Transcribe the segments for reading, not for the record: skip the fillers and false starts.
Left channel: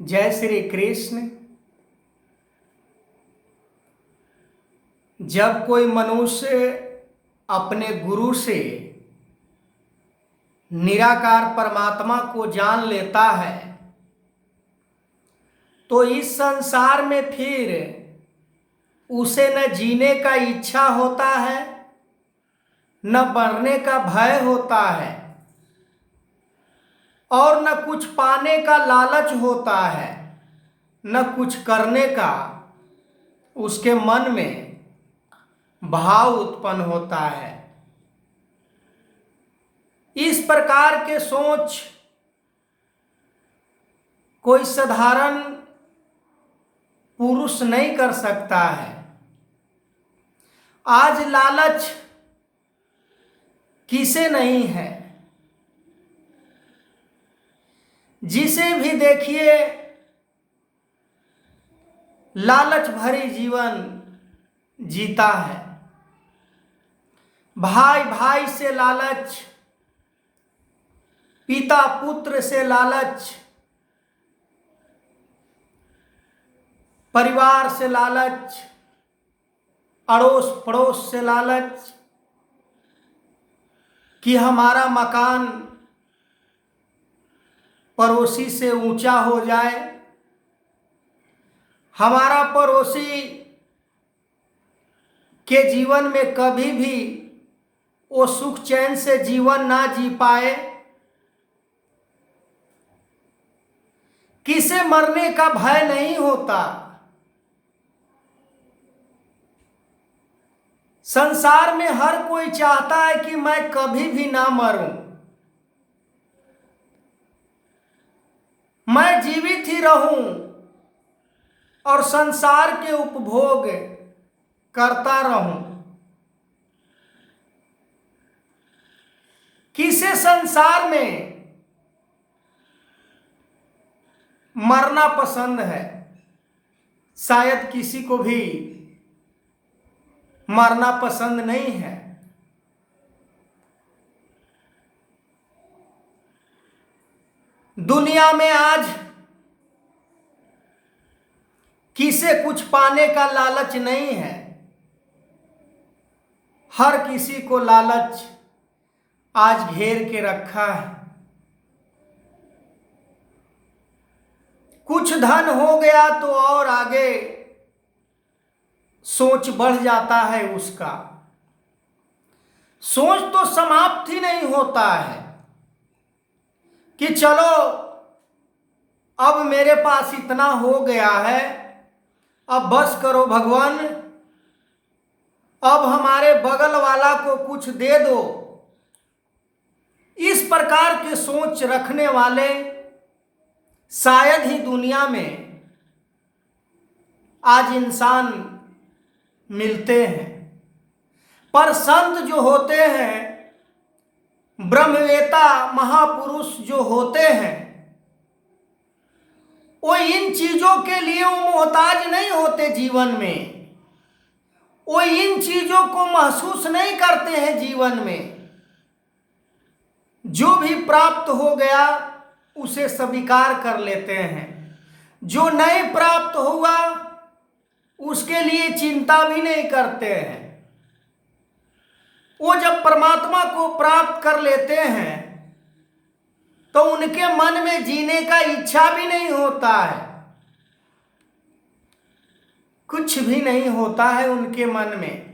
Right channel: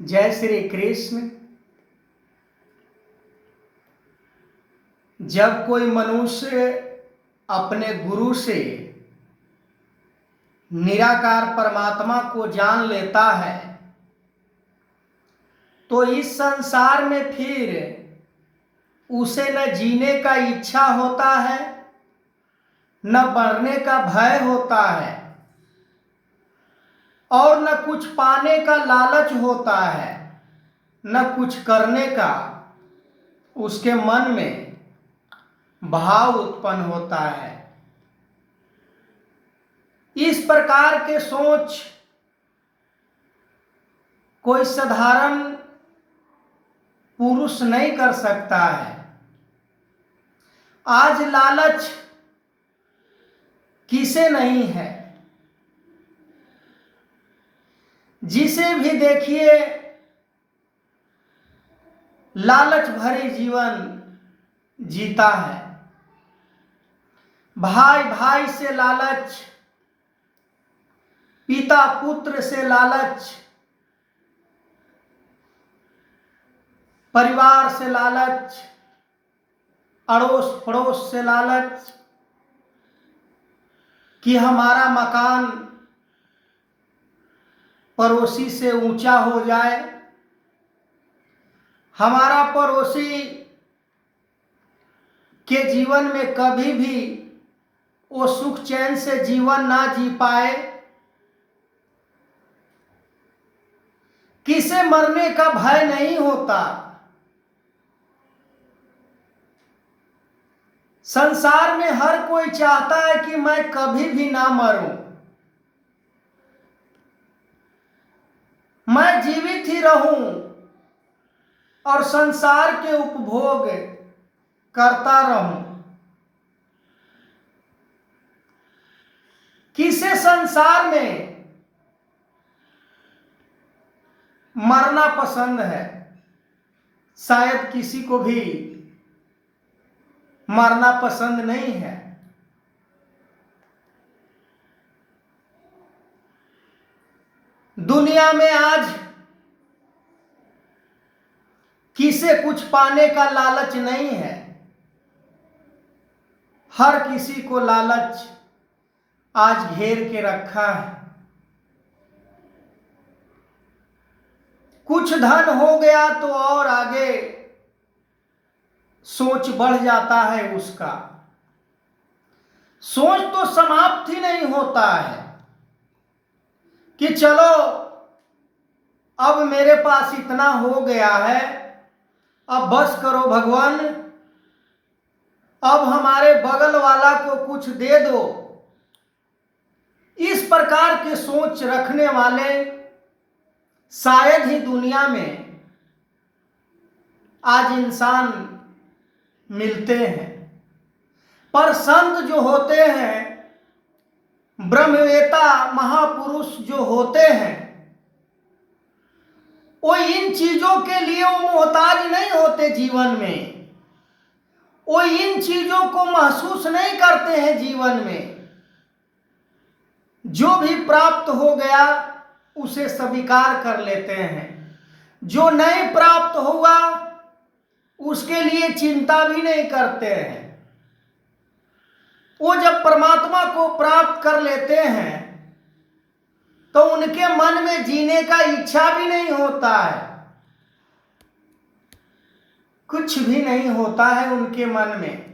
जय श्री कृष्ण। जब कोई मनुष्य अपने गुरु से निराकार परमात्मा को जान लेता है तो इस संसार में फिर उसे न जीने का इच्छा होता है, न मरने का भय होता है और न कुछ पाने का लालच होता है, न कुछ करने का उसके मन में भाव उत्पन्न होता है। इस प्रकार के सोच कोई साधारण पुरुष नहीं कर सकता है। आज लालच किसे नहीं है? जिसे भी देखिए लालच भरी जीवन जीता है। भाई भाई से लालच, पिता पुत्र से लालच, परिवार से लालच, अड़ोस पड़ोस से लालच कि हमारा मकान पड़ोसी से ऊंचा हो जाए, हमारा पड़ोसी के जीवन में कभी भी वो सुख चैन से जीवन ना जी पाए। किसे मरने का भय नहीं होता। संसार में हर कोई चाहता है कि मैं कभी भी ना मरूं, मैं जीवित ही रहूं और संसार के उपभोग करता रहूं। किसे संसार में मरना पसंद है? शायद किसी को भी मरना पसंद नहीं है। दुनिया में आज किसे कुछ पाने का लालच नहीं है। हर किसी को लालच आज घेर के रखा है। कुछ धन हो गया तो और आगे सोच बढ़ जाता है उसका। सोच तो समाप्त ही नहीं होता है कि चलो अब मेरे पास इतना हो गया है, अब बस करो भगवान, अब हमारे बगल वाला को कुछ दे दो। इस प्रकार के सोच रखने वाले शायद ही दुनिया में आज इंसान मिलते हैं। पर संत जो होते हैं, ब्रह्मवेता महापुरुष जो होते हैं, वो इन चीजों के लिए वो मोहताज नहीं होते। जीवन में वो इन चीजों को महसूस नहीं करते हैं। जीवन में जो भी प्राप्त हो गया उसे स्वीकार कर लेते हैं। जो नहीं प्राप्त हुआ उसके लिए चिंता भी नहीं करते हैं। वो जब परमात्मा को प्राप्त कर लेते हैं तो उनके मन में जीने का इच्छा भी नहीं होता है। कुछ भी नहीं होता है उनके मन में।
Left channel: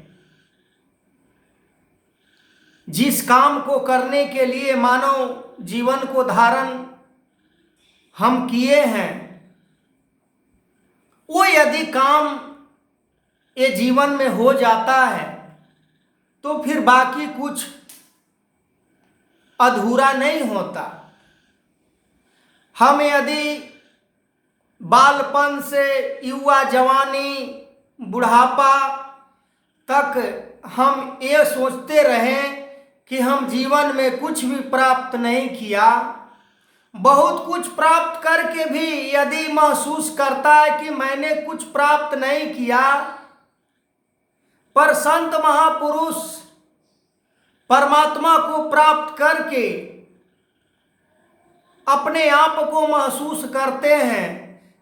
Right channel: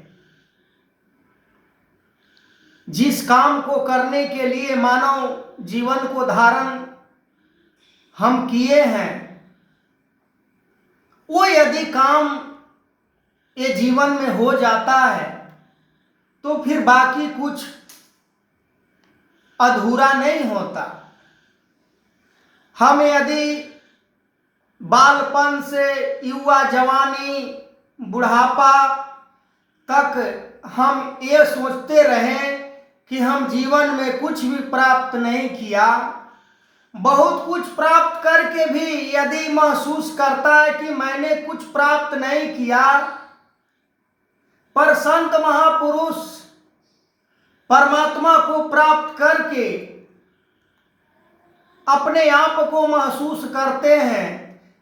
जिस काम को करने के लिए मानव जीवन को धारण हम किए हैं, वो यदि काम ये जीवन में हो जाता है तो फिर बाकी कुछ अधूरा नहीं होता। हम यदि बालपन से युवा जवानी बुढ़ापा तक हम ये सोचते रहें कि हम जीवन में कुछ भी प्राप्त नहीं किया, बहुत कुछ प्राप्त करके भी यदि महसूस करता है कि मैंने कुछ प्राप्त नहीं किया, पर संत महापुरुष परमात्मा को प्राप्त करके अपने आप को महसूस करते हैं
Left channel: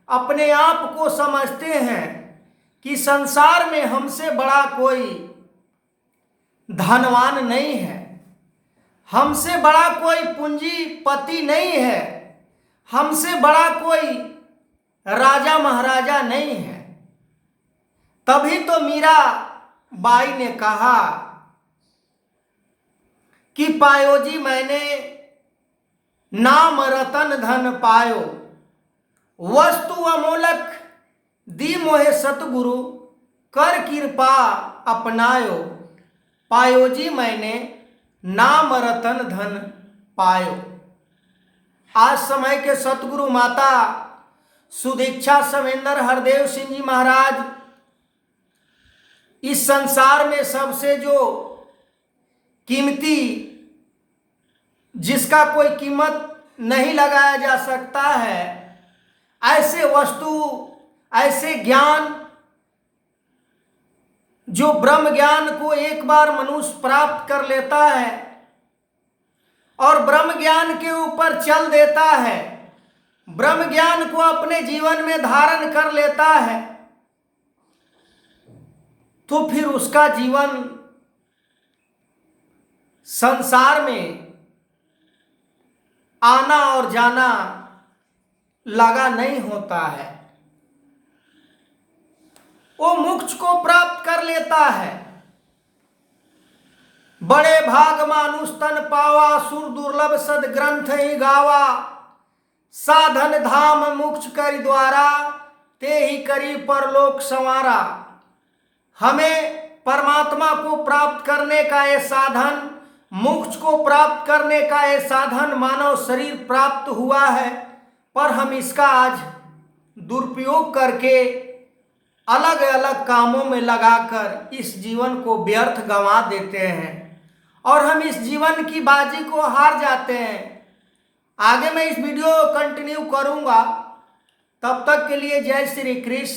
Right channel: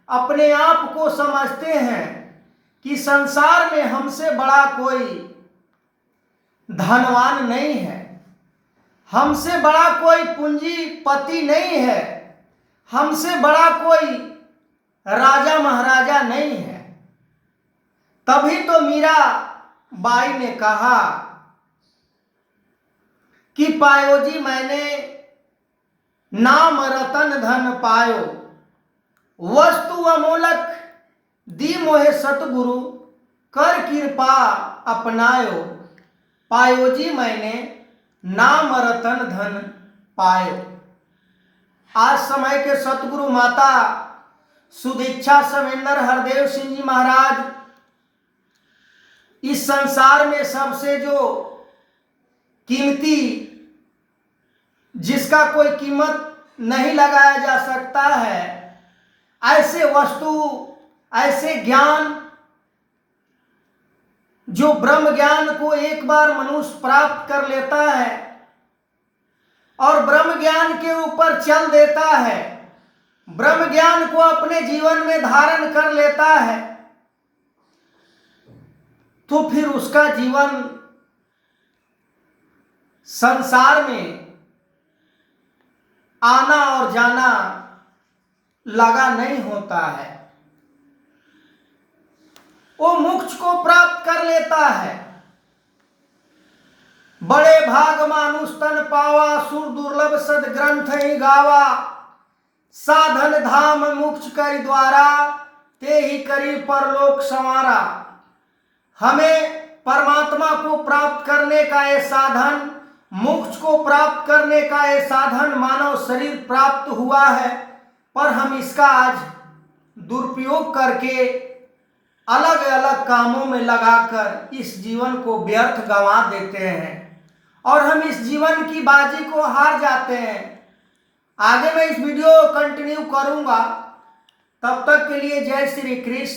अपने आप को समझते हैं कि संसार में हमसे बड़ा कोई धनवान नहीं है, हमसे बड़ा कोई पूंजीपति नहीं है, हमसे बड़ा कोई राजा महाराजा नहीं है। तभी तो मीरा बाई ने कहा कि पायो जी मैंने नाम रतन धन पायो, वस्तु अमोलक दी मोहे सतगुरु, कर कृपा अपनायो। पायो जी मैंने नाम रतन धन पायो। आज समय के सतगुरु माता सुदीक्षा सवेंद्र हरदेव सिंह जी महाराज इस संसार में सबसे जो कीमती, जिसका कोई कीमत नहीं लगाया जा सकता है, ऐसे वस्तु, ऐसे ज्ञान, जो ब्रह्म ज्ञान को एक बार मनुष्य प्राप्त कर लेता है और ब्रह्म ज्ञान के ऊपर चल देता है, ब्रह्म ज्ञान को अपने जीवन में धारण कर लेता है, तो फिर उसका जीवन संसार में आना और जाना लगा नहीं होता है। वो मोक्ष को प्राप्त कर लेता है। बड़े भाग मानुष तन पावा, सुर दुर्लभ सद ग्रंथ ही गावा, साधन धाम मोक्ष करि द्वारा, ते ही करी परलोक संवारा। हमें परमात्मा को प्राप्त करने का ये साधन, मोक्ष को प्राप्त करने का ये साधन मानव शरीर प्राप्त हुआ है, पर हम इसका आज दुरुपयोग करके अलग अलग कामों में लगाकर इस जीवन को व्यर्थ गंवा देते हैं और हम इस जीवन की बाजी को हार जाते हैं। आगे मैं इस वीडियो कंटिन्यू करूंगा, तब तक के लिए जय श्री कृष्ण।